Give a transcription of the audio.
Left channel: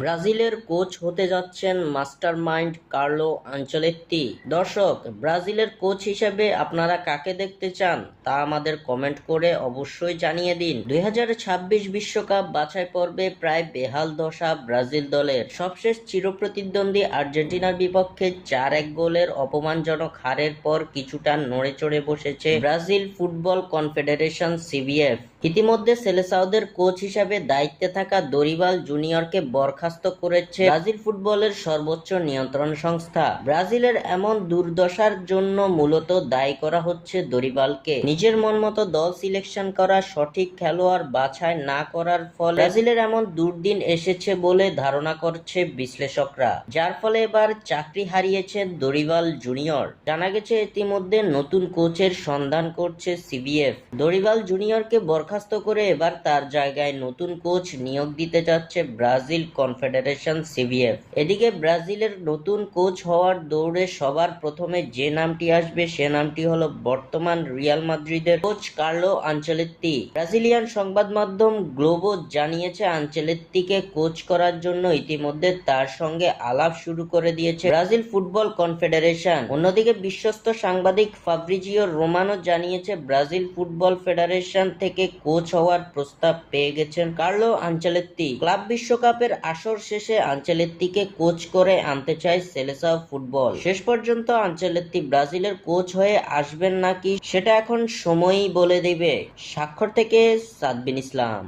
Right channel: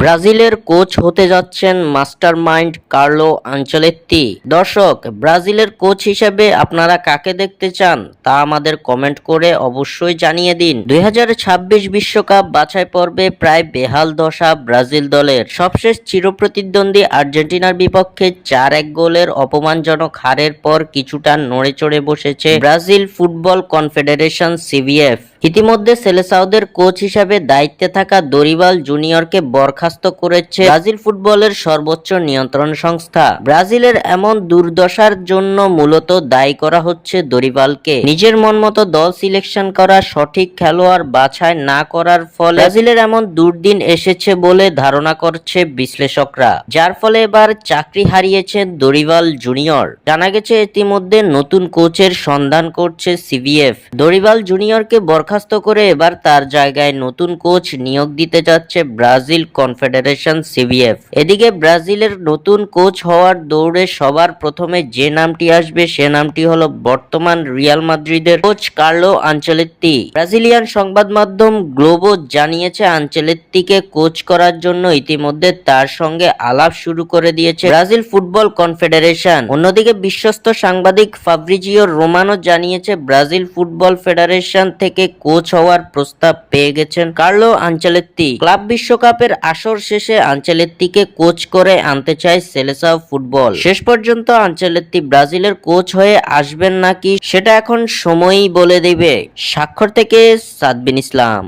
ব্রাজিলের কোচ হতে যাচ্ছেন মাস্টারমাইন্ড কার্লো আঞ্চলেত্তি। দর্শক, ব্রাজিলের কোচ হিসেবে আপনারা কাকে দেখতে চান তা আমাদের কমেন্ট করে অবশ্যই জানিয়ে দিন। দুই বিশ্বকাপ বাছাই পর্বে প্রায় বেহাল দশা ব্রাজিল দলের। সবশেষ চিরপ্রতিদ্বন্দ্বী আর্জেন্টিনার বিপক্ষে চার এক গোলের অপমানজনক হারের পর কিছুটা নড়ে চড়ে বসেছে ব্রাজিল ফুটবল কনফেডারেশন সিভিএফ। ইতিমধ্যে সেলেসাউদের কোচ হিসাবে দায়িত্বে থাকা দরিবাল জুনিয়রকে বরখাস্ত করেছে ব্রাজিল ফুটবলের সর্বোচ্চ নিয়ন্ত্রণ সংস্থা। ব্রাজিলের এমন দুর্দশার জন্য মূলত দায়ী করা হচ্ছে দরিবালকে। নিজের মন মতো দল সিলেকশন করা সঠিক খেলোয়াড় বাছাই না করার ফলে ব্রাজিলের এমন দুর্দিন এসেছে বলে ধারণা করছে বিশ্লেষকরা। যার ফলে এবার চাকরি হারিয়েছেন দরিবাল জুনিয়র। জানা গেছে, ইতিমধ্যে নতুন কোচের সন্ধান করছে সিবিএফ। দরিবাল জুনিয়রকে বরখাস্ত করে এবার তার জায়গায় নতুন কোচ নিয়োগ দিতে যাচ্ছে ব্রাজিল কনফেডারেশন সিবিএফ। এদিকে ব্রাজিলের নতুন কোচ হওয়ার দৌড়ে সবার প্রথমে যে নামটি আসবে সে নামটি হলো বর্তমান রিয়াল মাদ্রিদের কোচ কার্লো আঞ্চলেত্তি। ব্রাজিলিয়ান সংবাদ মাধ্যম গ্লোবো জানিয়েছে আঞ্চলেত্তিকে কোচ করার জন্য ইতিমধ্যে তার সঙ্গে আলাপ শুরু করে দিয়েছে ব্রাজিল ফুটবল কনফেডারেশন। অন্যদিকে বিশ্বস্ত সাংবাদিক ফাব্রিজিও রোমানো জানিয়েছে ব্রাজিল ফুটবল ফেডারেশন থেকে কোচ হওয়ার প্রস্তাব পেয়ে গেছেন কার্লো আঞ্চলেত্তি। ক্লাব বিশ্বকাপের আসর শেষে আঞ্চলেত্তিকে কোচ করে আনতে চায় সেলেসাও ফুটবল। শেষ পর্যন্ত আঞ্চলেত্তি ব্রাজিলের কোচ হয়ে আসবেন নাকি, সেটা এখন সময়ই বলে দেবে। স্বাক্ষর থেকে সাদবিন ইসলাম।